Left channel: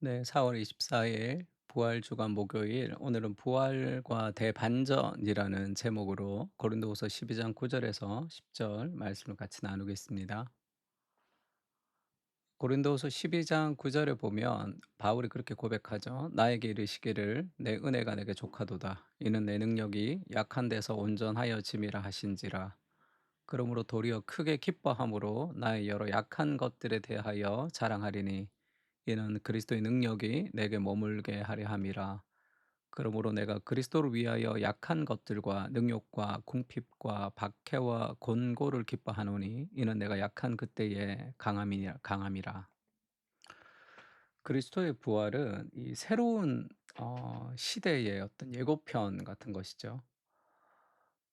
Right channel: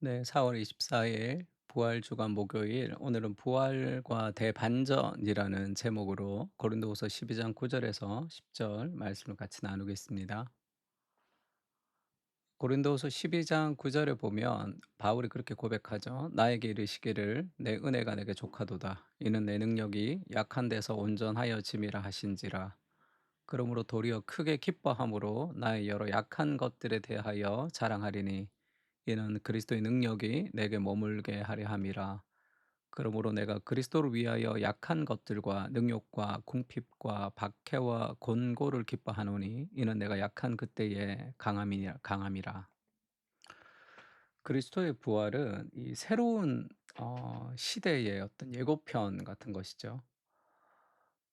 네, 4월 24일 부활 주간 목요일 오늘은 부활과 대반전이라는 제목으로 고린도후서 12장 9절에서 10절 말씀을 같이 나누겠습니다. 고린도후서 12장 9절에 보면 바울이 그렇게 고백하죠. 나에게 이르시기를 내 은혜가 내게 족하도다. 이는 내 능력이 약한 데서 온전하여 짐이라 하신지라. 그러므로 도리어 크게 기뻐함으로 나의 여러 약한 것들에 대하여 자랑하리니 이는 그리스도의 능력이 내게 머물게 하려 함이라. 그러므로 내가 그리스도를 위하여 약한 것들과 능욕과 궁핍과 박해와 곤고를 기뻐하노니 이는 내가 약한 그때의 강함이라. 그리스도의 부활은 이 새로운 시대의 어떤 예고편 같은 것이죠.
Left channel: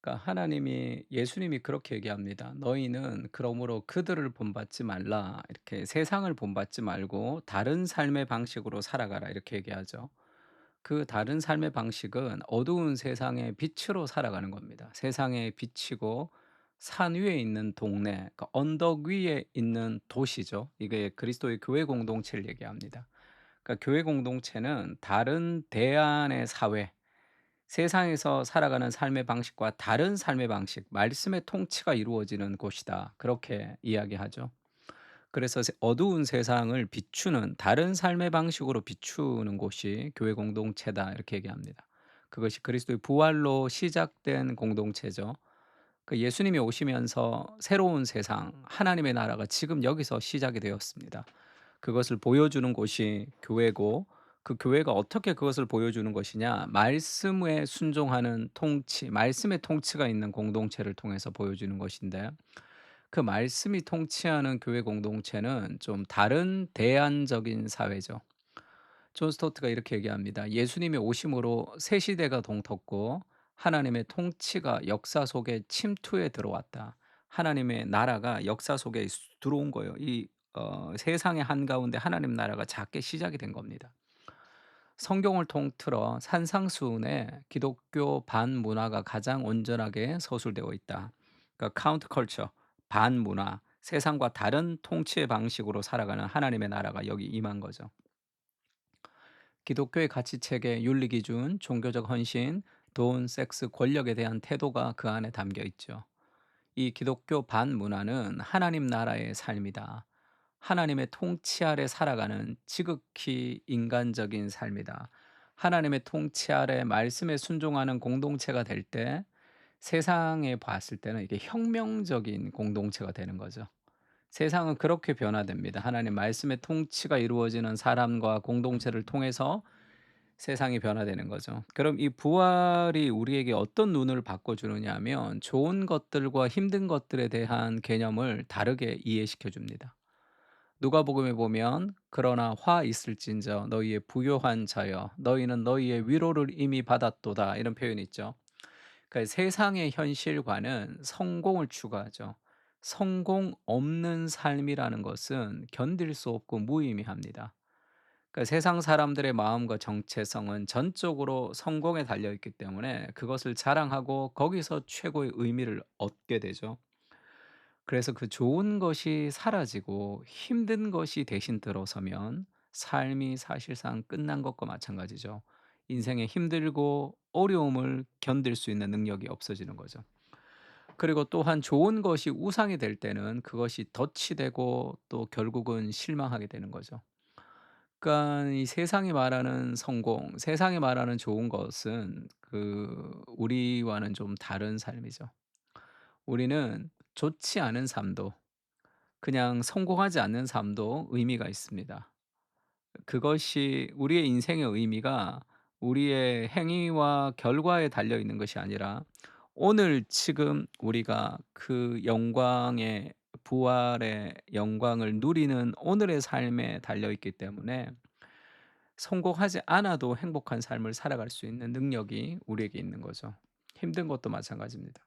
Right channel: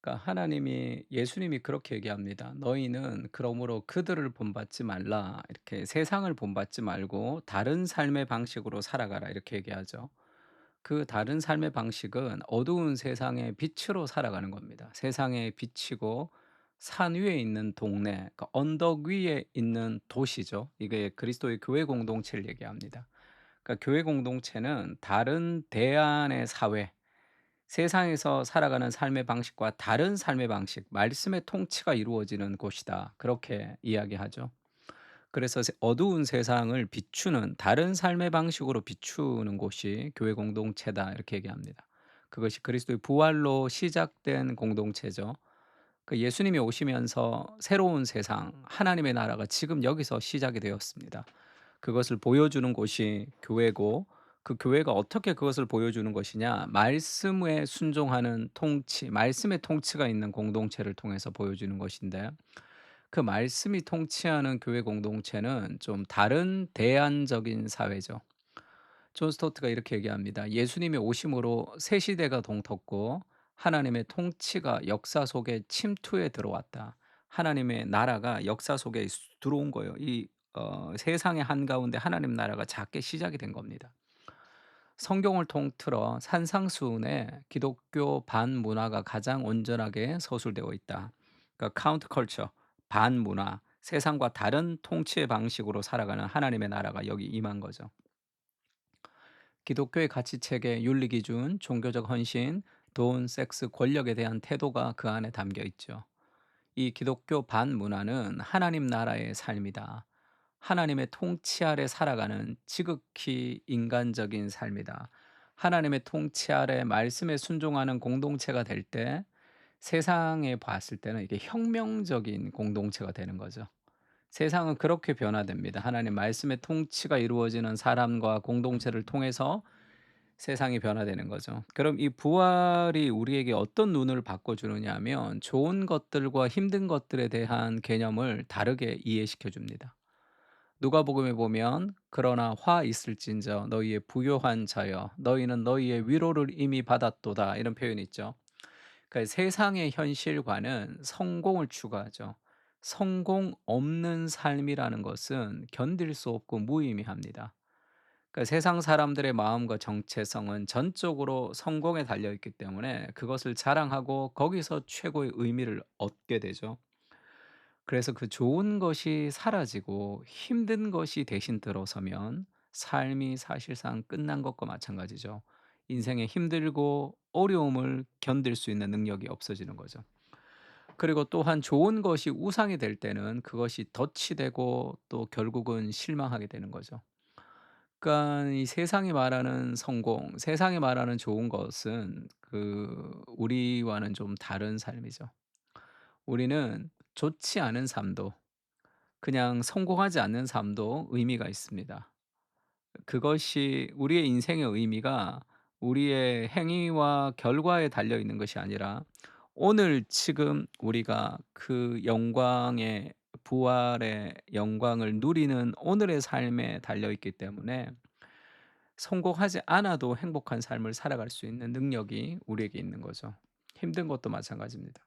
그러니까 하나님이 예수님이 그렇게 얘기합니다. "너희는 그러므로 그들을 본받지 말라." 이렇게 "세상을 본받지 말고 다른 삶의 방식으로 살아가라." 이렇게 얘기하죠. 그 다른 삶의 방식은 어두운 세상의 빛으로 살아가는 겁니다. 세상의 빛이고 산 위에 있는 동네, 그러니까 언덕 위에 있는 도시죠. 이게 그리스도의 교회 공동체를 얘기합니다. 그러니까 교회 공동체는 다른 대안의 사회, 세상에서 살아가는 삶의 방식과 다른 삶의 방식, 말씀의 통치가 이루어지는 곳이다. 그렇게 이야기하죠. 그래서 어두운 세상을 비추는 다른 삶의 방식으로 비추는 곳이 교회 공동체다. 이렇게 얘기합니다. 그것이 그리스도의 부활로 시작된 공동체죠. 그 예수님이 오시면서 새로운 세상, 하나님의 나라가 지금 여기서 시작이 되었습니다. 그것을 보여주는 곳이 교회고, 그 교회가 어떻게 그것을 보여주는 것이냐? 말씀에 순종하는 통치, 말씀의 통치가 있는 공동체를 통해서 보여주는 것인데, 그 말씀이 통치하는 교회 공동체는 좀 다른 대안적인 사회죠. 존 스토트가 이렇게 얘기합니다. 예수님의 오심으로 새 시대가 동텄고 하나님의 통치가 역사 속에 침투해 들어왔다. 하나님의 나라가 역사 속에 들어온 거예요. 이 세상의 한가운데 하나님 나라가 작게 시작이 된 겁니다. 성경을 통틀어 산상수훈에 기독교 반문화가 가장 온전하게 서술되어 있다. 그러니까 카운트 컬처, 반문화, 세상과 다른 통치의 방식으로 살아가는 하나님의 나라가 여기 임한 거죠. 기독교의 가치체계, 윤리기준, 종교적 헌신, 돈, 섹스, 권력에 대한 태도가 그 안에 담겨 있죠. 이 기독교 반문화는 하나님 나라의 삶이다. 하나님의 통치 아래 살아가는 지극히 인간적인 삶이다. 하나님의 통치 아래 말씀에 순종하는 공동체가 될 때 세상에 봤을 때는 이게 혁명적인 공동체가 되는 거죠. 세상은 그렇게 변화됩니다. 하나님 말씀의 통치가 이루어지는 사람과 공동체를 통해서 세상이 변화되는 거죠. 그럼 이 부활이 우리에게 어떤 눈을 바꿔주느냐 하면 좋은 것들과 힘든 것들에 대한 개념을 다르게 이해시켜 줍니다. 누가복음에 보면 그러나 화 있을진저 너희의 부요한 자여 너희는 너희의 위로를 이미 받았도다 이런 표현이 있죠. 그러니까 세상의 현실과는 성공을 추구하죠. 성공 없는 삶이라는 것은 견딜 수 없고 무의미합니다. 그러니까 세상 사람들의 마음과 정체성은 전적으로 성공에 달려 있기 때문에 그것을 자랑하고 거기서 최고의 의미를 얻게 되죠. 그래서 그 좋은 것이 사라지고 힘든 것이 대신 들어서면 삶이 사실상 끝난 것과 마찬가지죠. 인생에 힘들고 어려움을 견딜 수 있는 능력이 없어지는 거죠. 그리고 또한 좋은 것이 우상이 될 때는 그것이 덫이 되고 또 결국은 실망하게 되는 거죠. 그러니까 이 세상이 말하는 성공, 세상이 말하는 좋은 것은 우리와는 좀 다른 삶이죠. 우리는 좋지 않은 삶도 그냥 성공하지 않는 삶도 의미가 있습니다. 그것이 우리의 인생의 의미가 우리의 행위와 결과에 달려 있는 것이 아니라 오늘 지금 우리가 그 영광의 부활의 영광을 누리는 오늘의 삶에 달려 있기 때문에 성공하지 않아도 행복한 삶을 살아갈 수 있는 능력이 우리에게 있는 거죠. 힘든 것도 마찬가지입니다.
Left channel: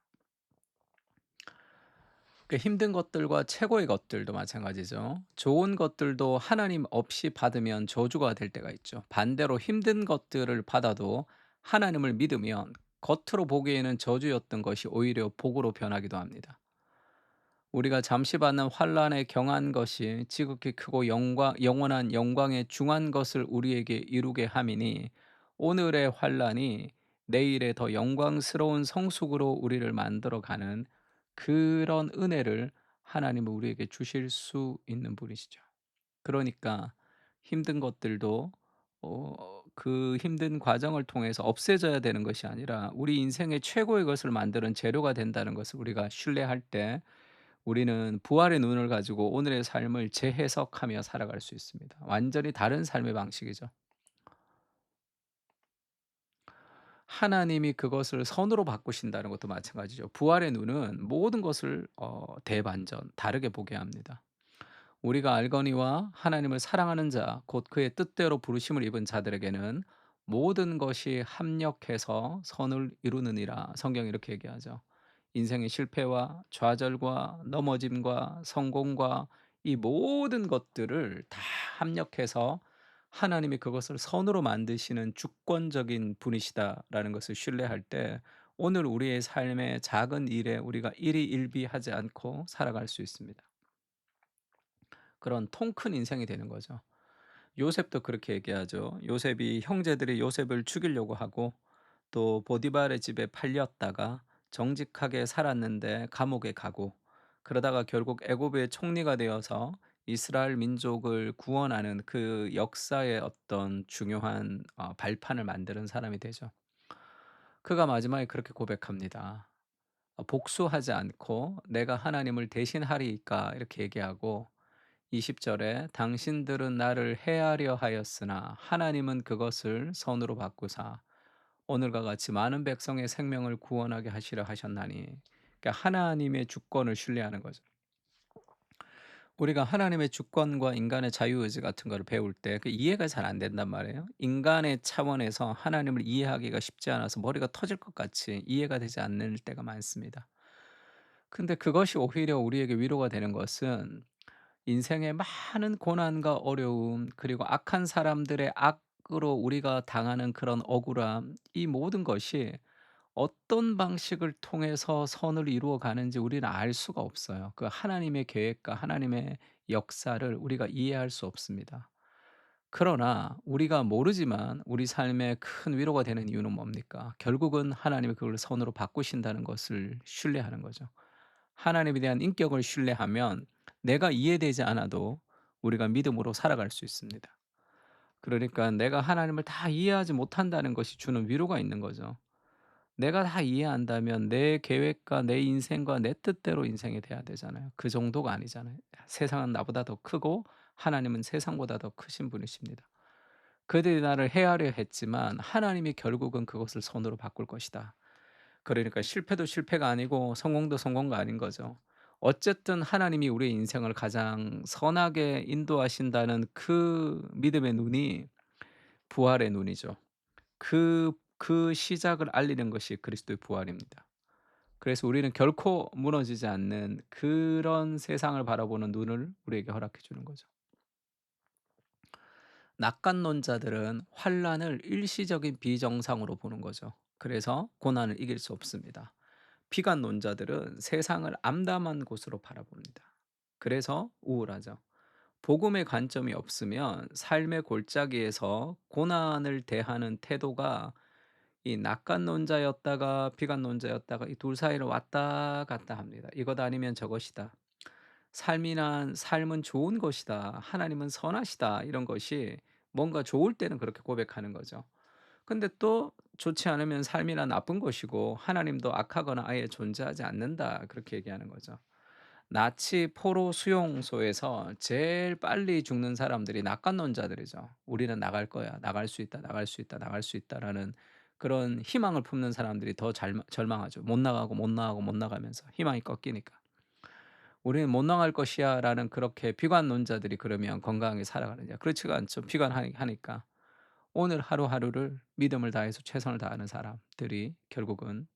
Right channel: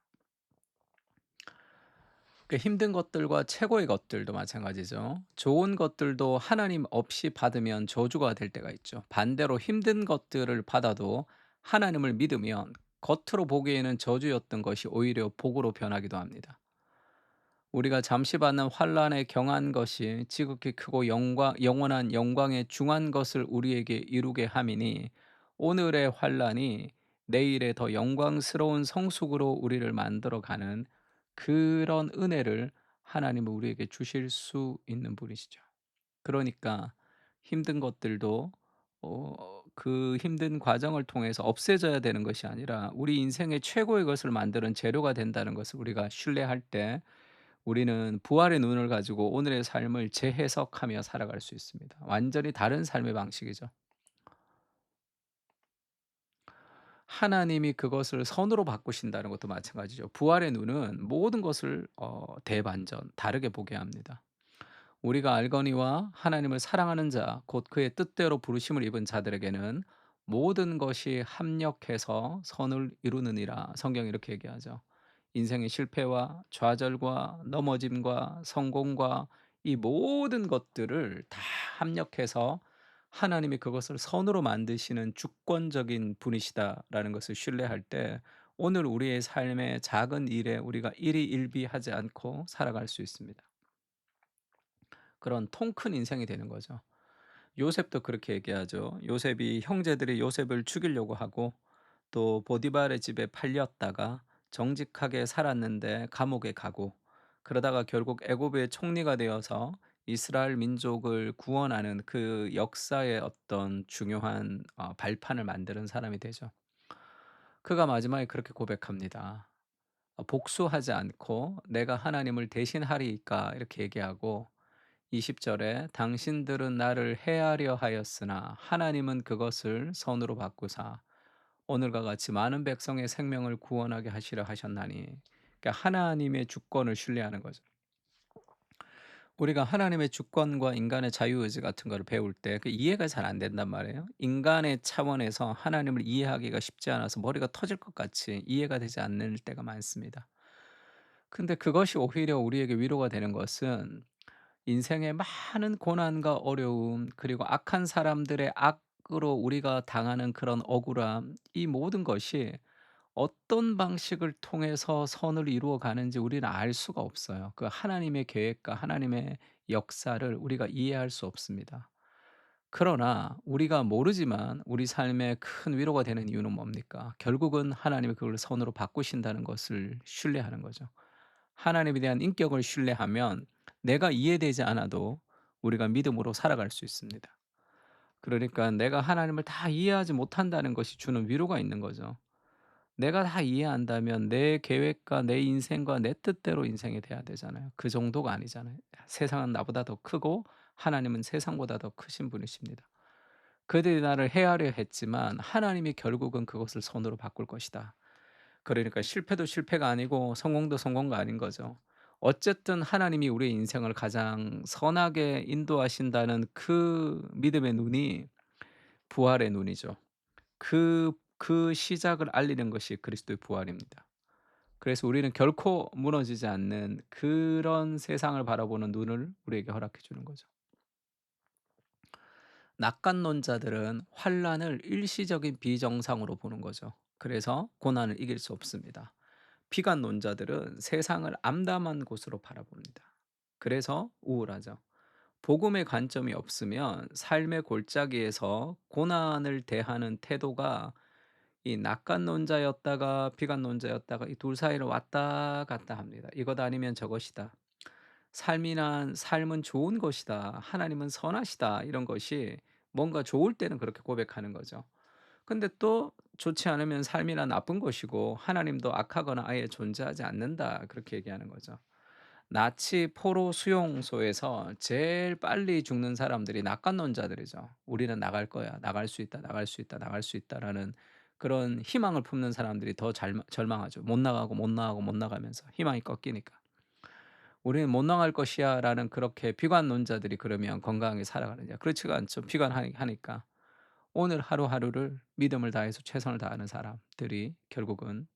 그 힘든 것들과 최고의 것들도 마찬가지죠. 좋은 것들도 하나님 없이 받으면 저주가 될 때가 있죠. 반대로 힘든 것들을 받아도 하나님을 믿으면 겉으로 보기에는 저주였던 것이 오히려 복으로 변하기도 합니다. 우리가 잠시 받는 환란에 경한 것이 지극히 크고 영광 영원한 영광에 중한 것을 우리에게 이루게 함이니 오늘의 환란이 내일의 더 영광스러운 성숙으로 우리를 만들어 가는 그런 은혜를 하나님은 우리에게 주실 수 있는 분이시죠. 그러니까 힘든 것들도 그 힘든 과정을 통해서 없애져야 되는 것이 아니라 우리 인생의 최고의 것을 만드는 재료가 된다는 것을 우리가 신뢰할 때 우리는 부활의 눈을 가지고 오늘의 삶을 재해석하며 살아갈 수 있습니다. 완전히 다른 삶의 방식이죠. 하나님이 그것을 선으로 바꾸신다는 것도 마찬가지죠. 부활의 눈은 모든 것을 대반전 다르게 보게 합니다. 우리가 알거니와 하나님을 사랑하는 자, 곧 그의 뜻대로 부르심을 입은 자들에게는 모든 것이 합력해서 선을 이루느니라. 성경이 이렇게 얘기하죠. 인생의 실패와 좌절과 넘어짐과 성공과 이 모든 것들을 다 합력해서 하나님이 그것을 선으로 만드시는 주권적인 분이시다라는 것을 신뢰할 때 오늘 우리의 삶의 작은 일에 우리가 일희일비하지 않고 살아갈 수 있습니다. 그런 통 큰 인생이 되는 거죠. 요셉도 그렇게 얘기하죠. 요셉이 형제들이 요셉을 죽이려고 하고 또 보디발의 집에 팔렸다가 정직하게 살았는데 감옥에 가고 그러다가 결국 애굽의 총리가 되어서 이스라엘 민족을 구원하는 그 역사의 어떤 중요한 발판을 만드는 사람이 되죠. 그가 마지막에 그렇게 고백합니다. 복수하지 않고 내가 하나님을 대신하리이까 이렇게 얘기하고 20 절에 당신들은 나를 해하려 하였으나 하나님은 그것을 선으로 바꾸사 오늘과 같이 많은 백성의 생명을 구원하게 하시려 하셨나니. 그러니까 하나님의 주권을 신뢰하는 거죠. 우리가 하나님의 주권과 인간의 자유의지 같은 거를 배울 때 그 이해가 잘 안 된단 말이에요. 인간의 차원에서 하나님을 이해하기가 쉽지 않아서 머리가 터질 것 같이 이해가 되지 않는 때가 많습니다. 근데 그것이 오히려 우리에게 위로가 되는 것은 인생의 많은 고난과 어려움 그리고 악한 사람들의 악으로 우리가 당하는 그런 억울함 이 모든 것이 어떤 방식을 통해서 선을 이루어 가는지 우리는 알 수가 없어요. 그 하나님의 계획과 하나님의 역사를 우리가 이해할 수 없습니다. 그러나 우리가 모르지만 우리 삶에 큰 위로가 되는 이유는 뭡니까? 결국은 하나님이 그걸 선으로 바꾸신다는 것을 신뢰하는 거죠. 하나님에 대한 인격을 신뢰하면 내가 이해되지 않아도 우리가 믿음으로 살아갈 수 있습니다. 그러니까 내가 하나님을 다 이해하지 못한다는 것이 주는 위로가 있는 거죠. 내가 다 이해한다면 내 계획과 내 인생과 내 뜻대로 인생이 돼야 되잖아요. 그 정도가 아니잖아요. 세상은 나보다 더 크고 하나님은 세상보다 더 크신 분이십니다. 그들이 나를 해하려 했지만 하나님이 결국은 그것을 선으로 바꿀 것이다. 그러니까 실패도 실패가 아니고 성공도 성공가 아닌 거죠. 어쨌든 하나님이 우리의 인생을 가장 선하게 인도하신다는 그 믿음의 눈이 부활의 눈이죠. 그 시작을 알리는 것이 그리스도의 부활입니다. 그래서 우리는 결코 무너지지 않는 그런 세상을 바라보는 눈을 우리에게 허락해 주는 거죠. 낙관론자들은 환란을 일시적인 비정상으로 보는 거죠. 그래서 고난을 이길 수 없습니다. 비관론자들은 세상을 암담한 곳으로 바라봅니다. 그래서 우울하죠. 복음의 관점이 없으면 삶의 골짜기에서 고난을 대하는 태도가 이 낙관론자였다가 비관론자였다가 이 둘 사이를 왔다 갔다 합니다. 이것 아니면 저것이다. 삶이란 삶은 좋은 것이다. 하나님은 선하시다. 이런 것이 뭔가 좋을 때는 그렇게 고백하는 거죠. 근데 또 좋지 않으면 삶이란 나쁜 것이고 하나님도 악하거나 아예 존재하지 않는다. 그렇게 얘기하는 거죠. 나치 포로 수용소에서 제일 빨리 죽는 사람들이 낙관론자들이죠. 우리는 나갈 거야. 나갈 수 있다. 나갈 수 있다. 나갈 수 있다라는 그런 희망을 품는 사람들이 더 절망하죠. 못 나가고 못 나가고 못 나가면서 희망이 꺾이니까. 우리는 못 나갈 것이야라는 그렇게 비관론자들이 그러면 건강하게 살아가느냐? 그렇지가 않죠. 비관하니까. 오늘 하루하루를 믿음을 다해서 최선을 다하는 사람들이 결국은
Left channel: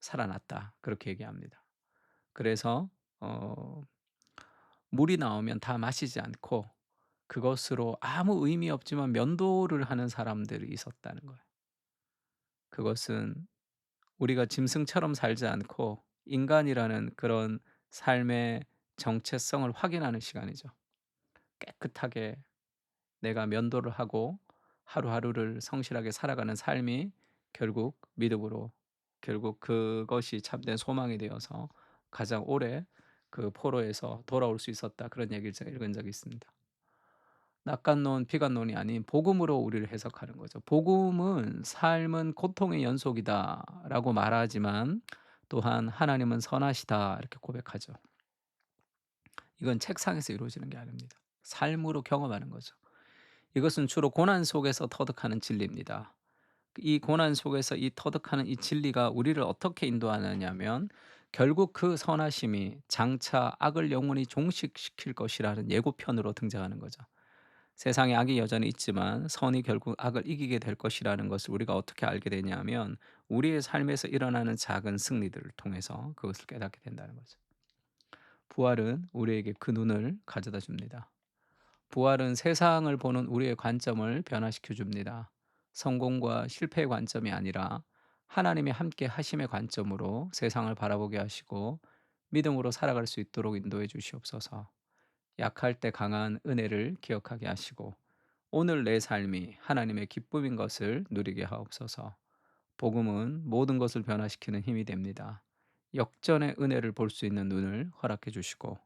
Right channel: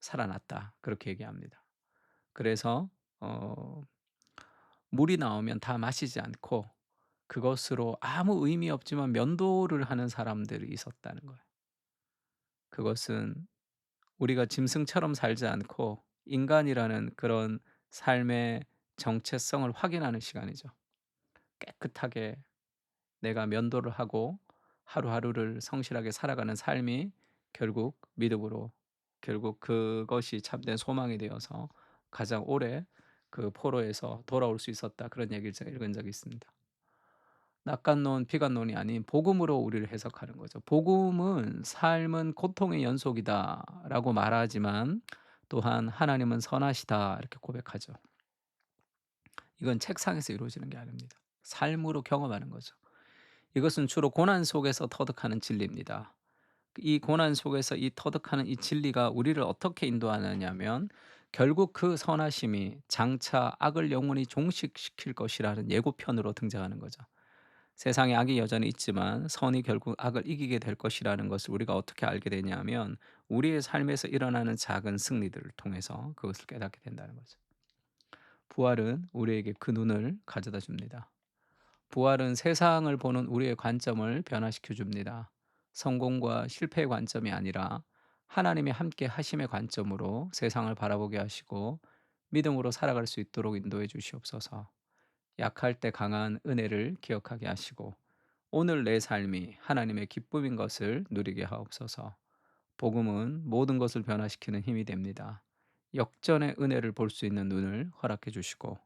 살아났다. 그렇게 얘기합니다. 그래서 어 물이 나오면 다 마시지 않고 그것으로 아무 의미 없지만 면도를 하는 사람들이 있었다는 거예요. 그것은 우리가 짐승처럼 살지 않고 인간이라는 그런 삶의 정체성을 확인하는 시간이죠. 깨끗하게 내가 면도를 하고 하루하루를 성실하게 살아가는 삶이 결국 믿음으로, 결국 그것이 참된 소망이 되어서 가장 오래 그 포로에서 돌아올 수 있었다. 그런 얘기를 제가 읽은 적이 있습니다. 낙관론, 비관론이 아닌 복음으로 우리를 해석하는 거죠. 복음은 "삶은 고통의 연속이다."라고 말하지만 또한 "하나님은 선하시다." 이렇게 고백하죠. 이건 책상에서 이루어지는 게 아닙니다. 삶으로 경험하는 거죠. 이것은 주로 고난 속에서 터득하는 진리입니다. 이 고난 속에서 이 터득하는 이 진리가 우리를 어떻게 인도하느냐면 결국 그 선하심이 장차 악을 영원히 종식시킬 것이라는 예고편으로 등장하는 거죠. 세상에 악이 여전히 있지만 선이 결국 악을 이기게 될 것이라는 것을 우리가 어떻게 알게 되냐면 우리의 삶에서 일어나는 작은 승리들을 통해서 그것을 깨닫게 된다는 거죠. 부활은 우리에게 그 눈을 가져다 줍니다. 부활은 세상을 보는 우리의 관점을 변화시켜 줍니다. 성공과 실패의 관점이 아니라 하나님이 함께 하심의 관점으로 세상을 바라보게 하시고 믿음으로 살아갈 수 있도록 인도해 주시옵소서. 약할 때 강한 은혜를 기억하게 하시고 오늘 내 삶이 하나님의 기쁨인 것을 누리게 하옵소서. 복음은 모든 것을 변화시키는 힘이 됩니다. 역전의 은혜를 볼 수 있는 눈을 허락해 주시고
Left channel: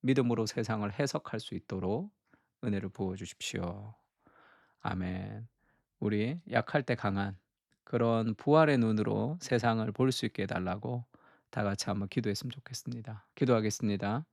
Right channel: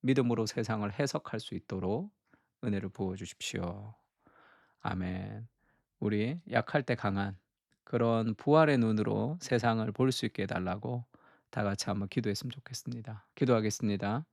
믿음으로 세상을 해석할 수 있도록 은혜를 부어 주십시오. 아멘. 우리 약할 때 강한 그런 부활의 눈으로 세상을 볼 수 있게 해 달라고 다 같이 한번 기도했으면 좋겠습니다. 기도하겠습니다.